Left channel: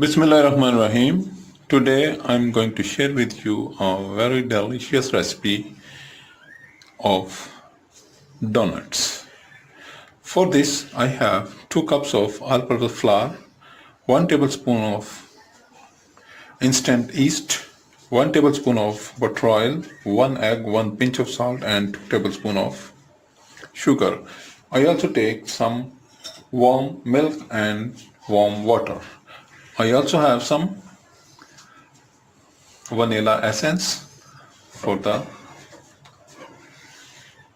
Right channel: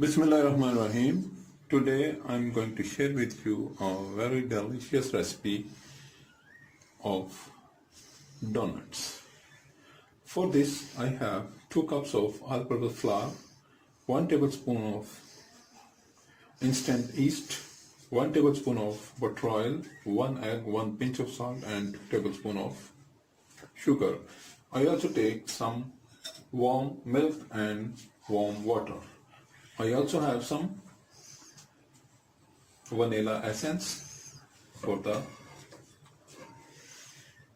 Bismillahirrahmanirrahim. Today I'm going to share with you a very delicious recipe of donuts. For this I have 2 cups of all-purpose flour, 1 tablespoon of instant yeast, 1 tablespoon of butter oil, 1 egg, 1 pinch of salt and 2 tablespoons of sugar. I also take some warm milk and warm water. I also have some vanilla essence for the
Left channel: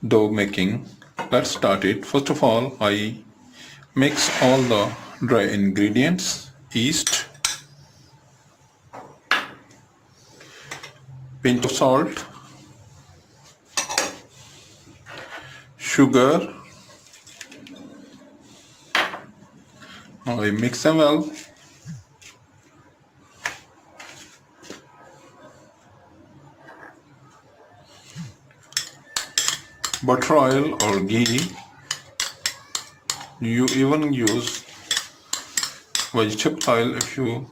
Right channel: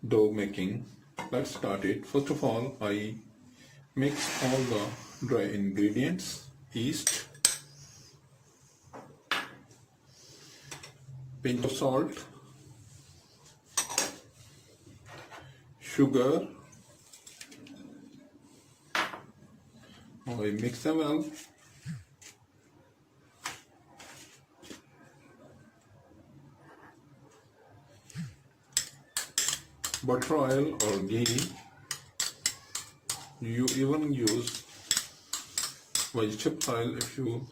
dough making. Let's start it. First of all, I mix all the dry ingredients: yeast, pinch of salt, sugar. Now I mix them well. Butter oil or ghee. You even use vegetable oil if you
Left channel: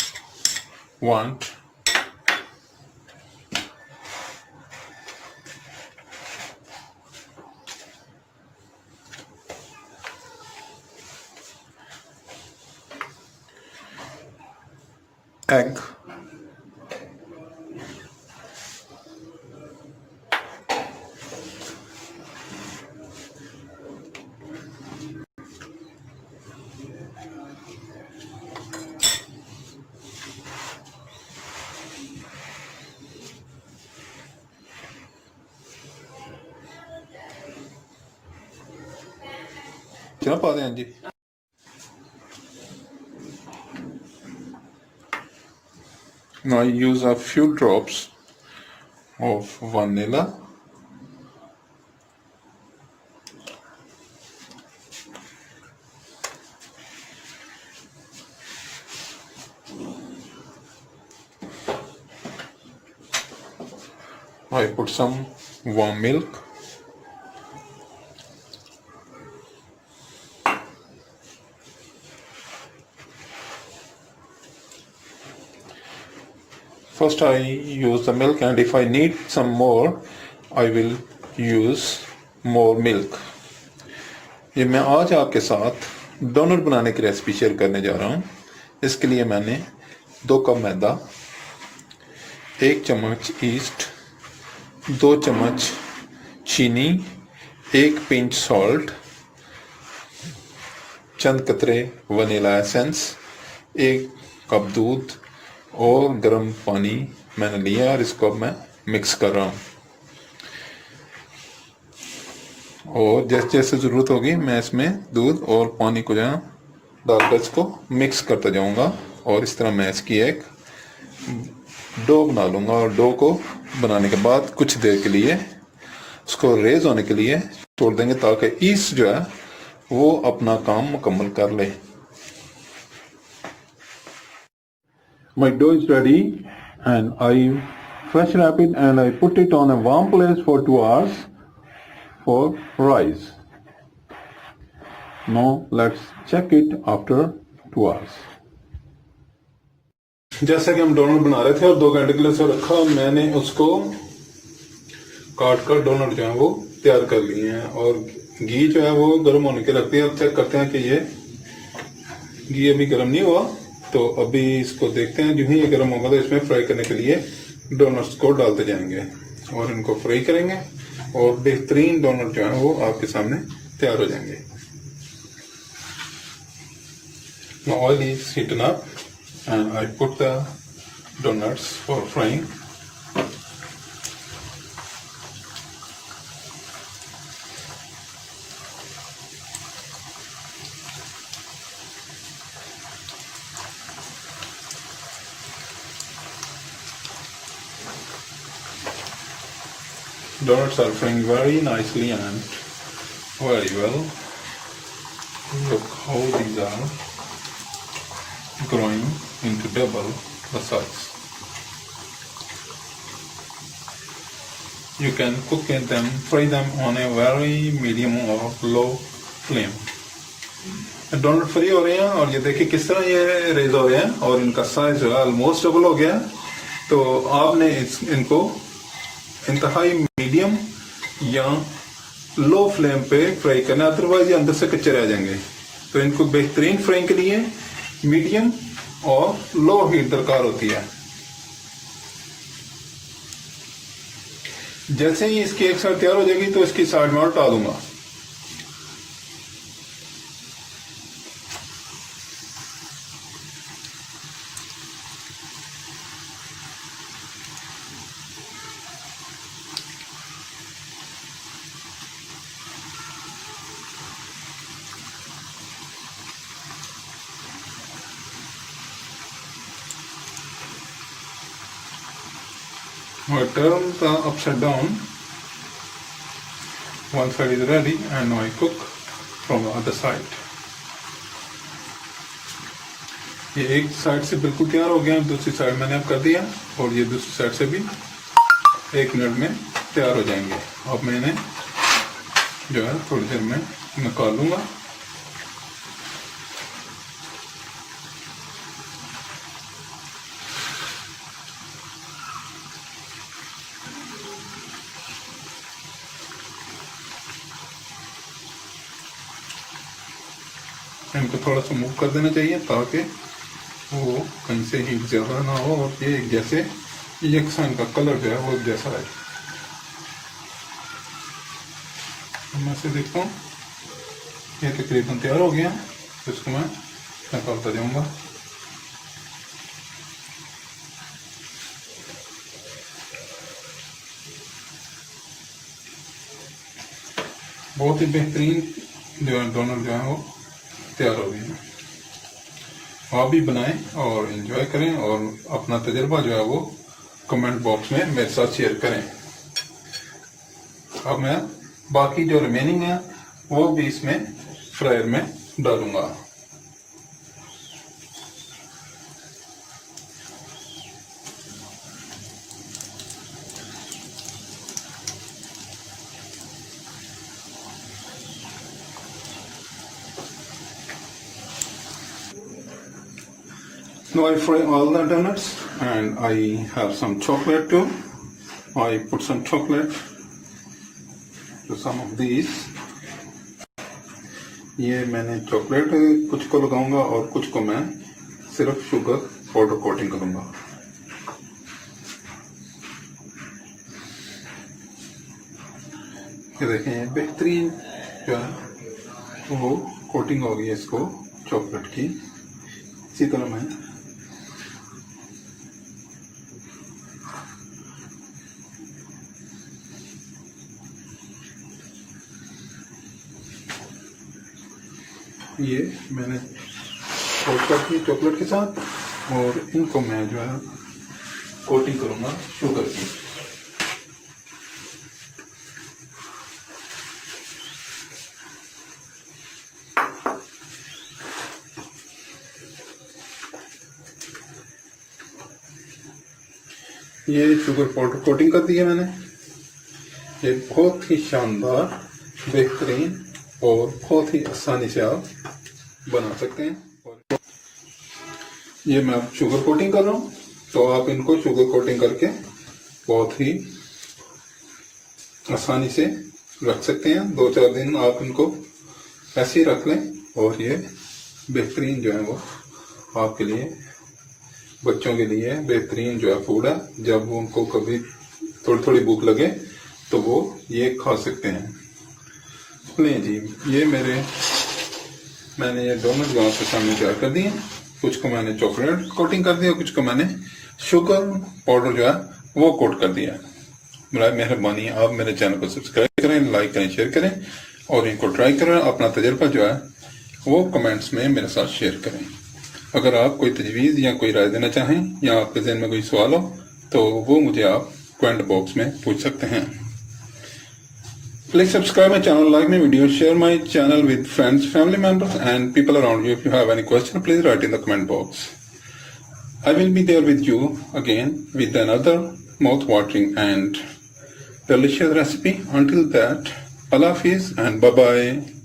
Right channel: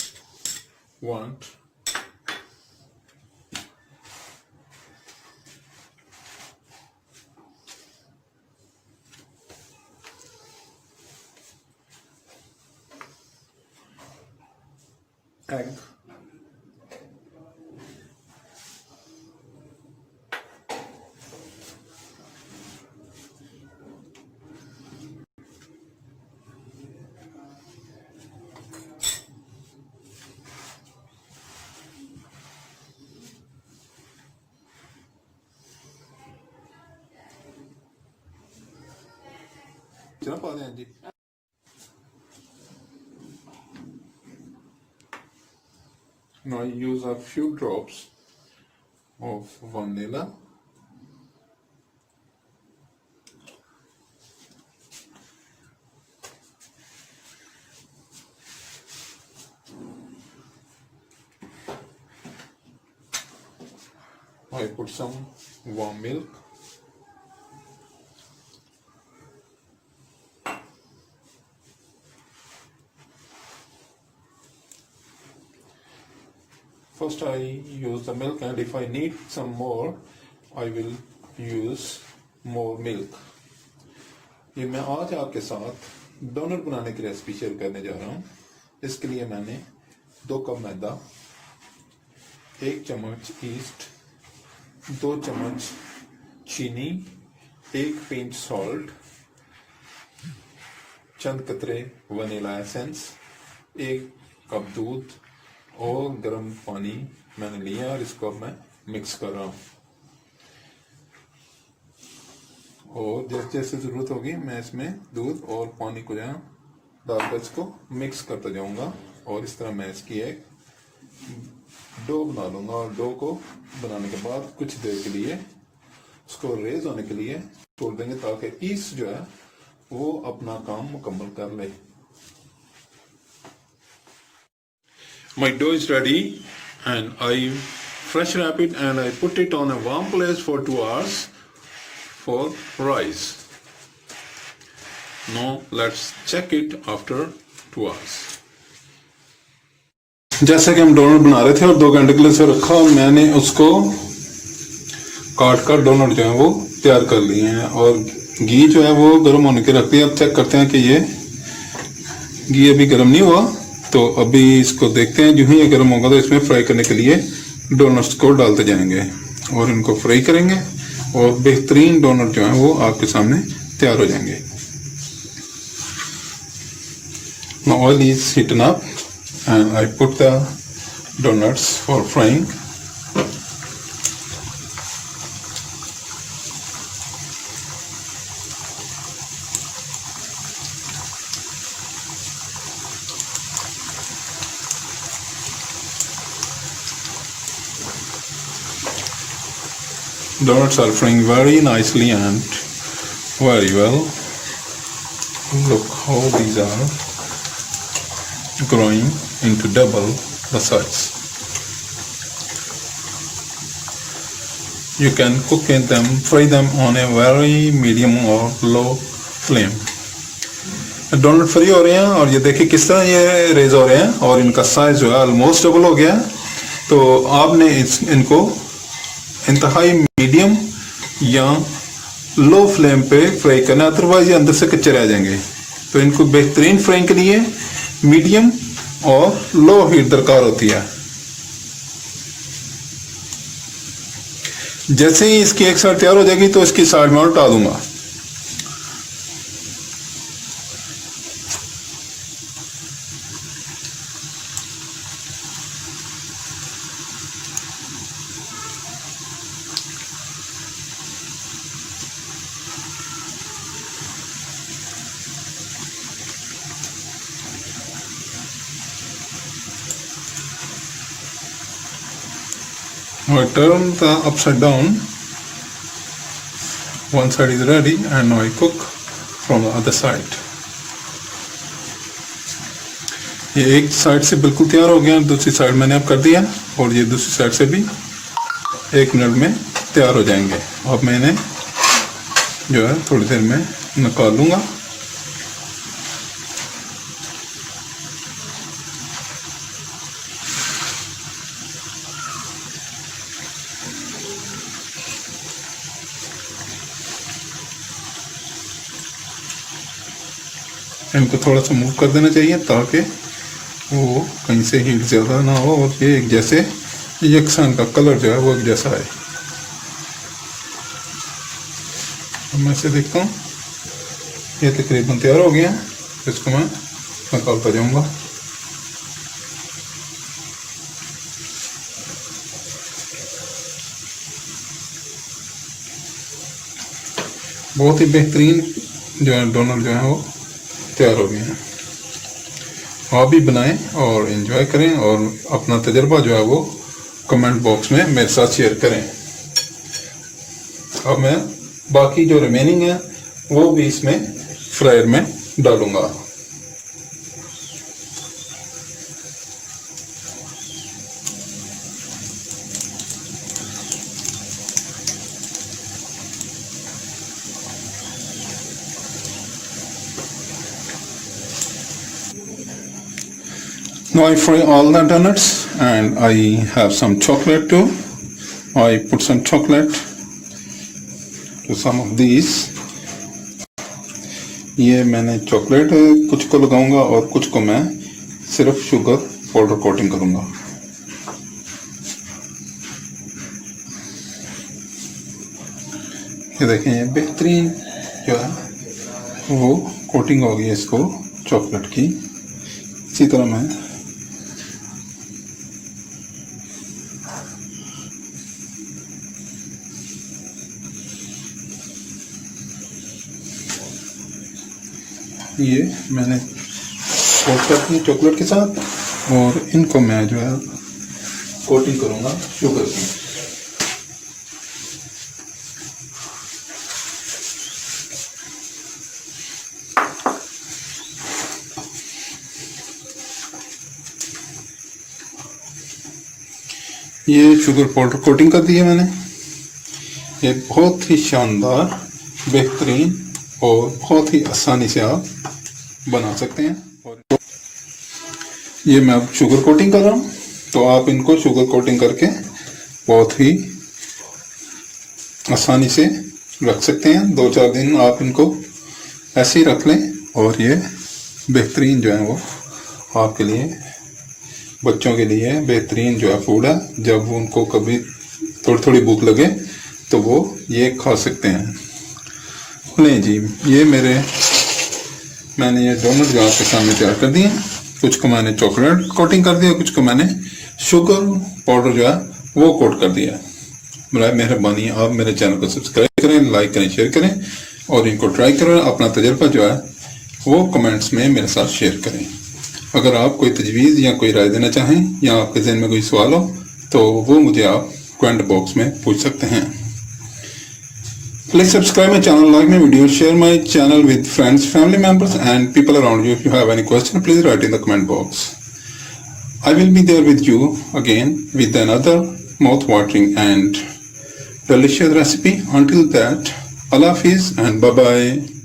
want. Egg. चना पा दें जी. Now I use a few drops of vanilla. I put some warm milk. First I use the milk, and if I need some more I will use more milk. ये मैं आज आपके साथ डोनट बनाने की रेसिपी शेयर करने जा रहा हूँ. इसके लिए मैंने 2 कप मैदा, 1 चम्मच ईस्ट, 2 चम्मच चीनी, 1 पिंच सॉल्ट, चंद कतरे वनीला एसेंस, 1 कप दूध और गर्म पानी मैंने लिया है और इसको अब मैं मिक्स कर रहा हूँ. और जैसे जैसे ज़रूरत होगी मैं इसमें दूध और पानी को जो है डालकर इसको मिक्स करता जाऊँगा. और इस तरह मैं इसकी एक डो बना लूँगा. और डो को बनाने के बाद कुछ देर के लिए उसको रेज होने के लिए छोड़ देंगे ताकि ईस्ट जो है वो अपना काम मुकम्मल कर ले. My dough is ready and I fresh wrap it and I put it on a warm place for 2 hours for rise. Now let's check it after 2 hours. जैसे कि हम डोनट बना रहे थे और 2 घंटे के लिए से रखा, मैंने उसको काट कर डोनट जो है वो तैयार कर लिए हैं. और घी जो है वो गर्म होने के रख दिया. अब चेक करते हैं कि ये घी अभी गर्म नहीं हुआ, तो अभी इसको देखते हैं. जो ही ये गर्म होगा तो इसमें फ्राई करने के लिए डोनट्स को डालते जाएंगे और इनको फ्राई करेंगे और बेहतरीन डोनट जो है वो आपके सामने तैयार हो जाएंगे. Now oil is heating up and I put the donuts for frying. Donuts are frying very nicely and very well. Look how these are growing into double the size. You can fry them on a very medium or low flame. Donut free हो रहे हैं और ये देखिए किस तरह ये रेज हो रहे हैं और इनका साइज जो है ऑलमोस्ट डबल हो गया। तो आपने इनको इंतहाई मीडियम या लो फ्लेम पे फ्राई करना, अदरवाइज ये अंदर से कच्चे रह जाएंगे। तो इनको बेहतरीन फ्राई के लिए मीडियम और लो हीट दरकार होती है। जैसे ही इसकी एक साइड तैयार हो जाएगी तो इसकी साइड में उल्टा दूंगा। I turn the upside down. One side is ready and now I cook from the other side. ये एक साइड से बिल्कुल तैयार हो गया, दूसरी साइड मैंने अब कर दिया और ये दूसरी साइड से भी 1 मिनट में तैयार हो जाएंगे। अब मैं इन्हें जो है थोड़ी देर में निकाल लूँगा। इनको थोड़ा सा मूव कर देना चाहिए ताकि वो कहीं से हीट ज़्यादा ना हो और ये एक जैसे यकसान का कलर जो है वो एक जैसा है। मैं से देखता हूँ ये तकरीबन तैयार हो गया, इसको मैं निकालता जाऊँगा। बहुत ही बेहतरीन जो है डोनट जो है वो तैयार हो गए हैं। आप भी बनाएं और एंजॉय करें और अपना तजर्बा जो है वो कमेंट बॉक्स में मेरे साथ शेयर करें। अब मैं बाकी जो रिमेनिंग है वो भी इसमें फ्रायर में डालूंगा। Now I fry all the donuts and I have some chocolate too. I put some chocolate to some of these. ये मैंने चॉकलेट कुछ को लगाऊंगा और कुछ को मैं सिर्फ शुगर पाउडर कोटिंग करूंगा। ये देखें ये बेहतरीन जो है वो कोटिंग होगी इसको चॉकलेट की। इसी तरह मैं ये मैंने कोट कर दिया चॉकलेट के साथ और इनको मैं जो है कोटिंग करूँगा शुगर की। ये शुगर पाउडर कोटिंग कर दी है मैंने। ये बहुत ही शानदार बेहतरीन और बहुत ही आसानी से आप बना सकते हैं। और ये मैं अब शुगर कोटिंग कर रहा हूँ, तो आप इनको शुगर कोटिंग करके बहुत ही आसानी से रख सकते हैं। 2-4 दिन आप इनको ऐसे ही रख लें और ये बेहतरीन जो है वो आपके लिए, बच्चों के लिए बेहतरीन जो है फूड है। जब उनको कभी थोड़ी थोड़ी भूख लगे तो वो ये खा सकते हैं। नहीं जी, ये मैंने ये डोनट जो आपके सामने तैयार कर दिए। कुछ को मैंने चॉकलेट कोटिंग कर दिया, कुछ को मैंने शुगर पाउडर जो है वो कोट कर दिया। बराए मेहरबानी आप मेरे चैनल को सब्सक्राइब करें, लाइक करें, शेयर करें और इनको ट्राई करें। अपना तजर्बा जो है वो कमेंट्स में मेरे साथ शेयर करें। अगर आप कोई तजवीज़ या कोई राय देना चाहें या आपके जहन में कोई सवाल हो तो वो मुझे आप कमेंट बॉक्स में पूछ सकते हैं। Please subscribe my channel, like my video, share my channel with friends, family members and people around you. If you have any question, please write in the comment box. I will be there with you again with another mouth-watering and delicious recipe. Until that, Allah Hafiz and bye-bye.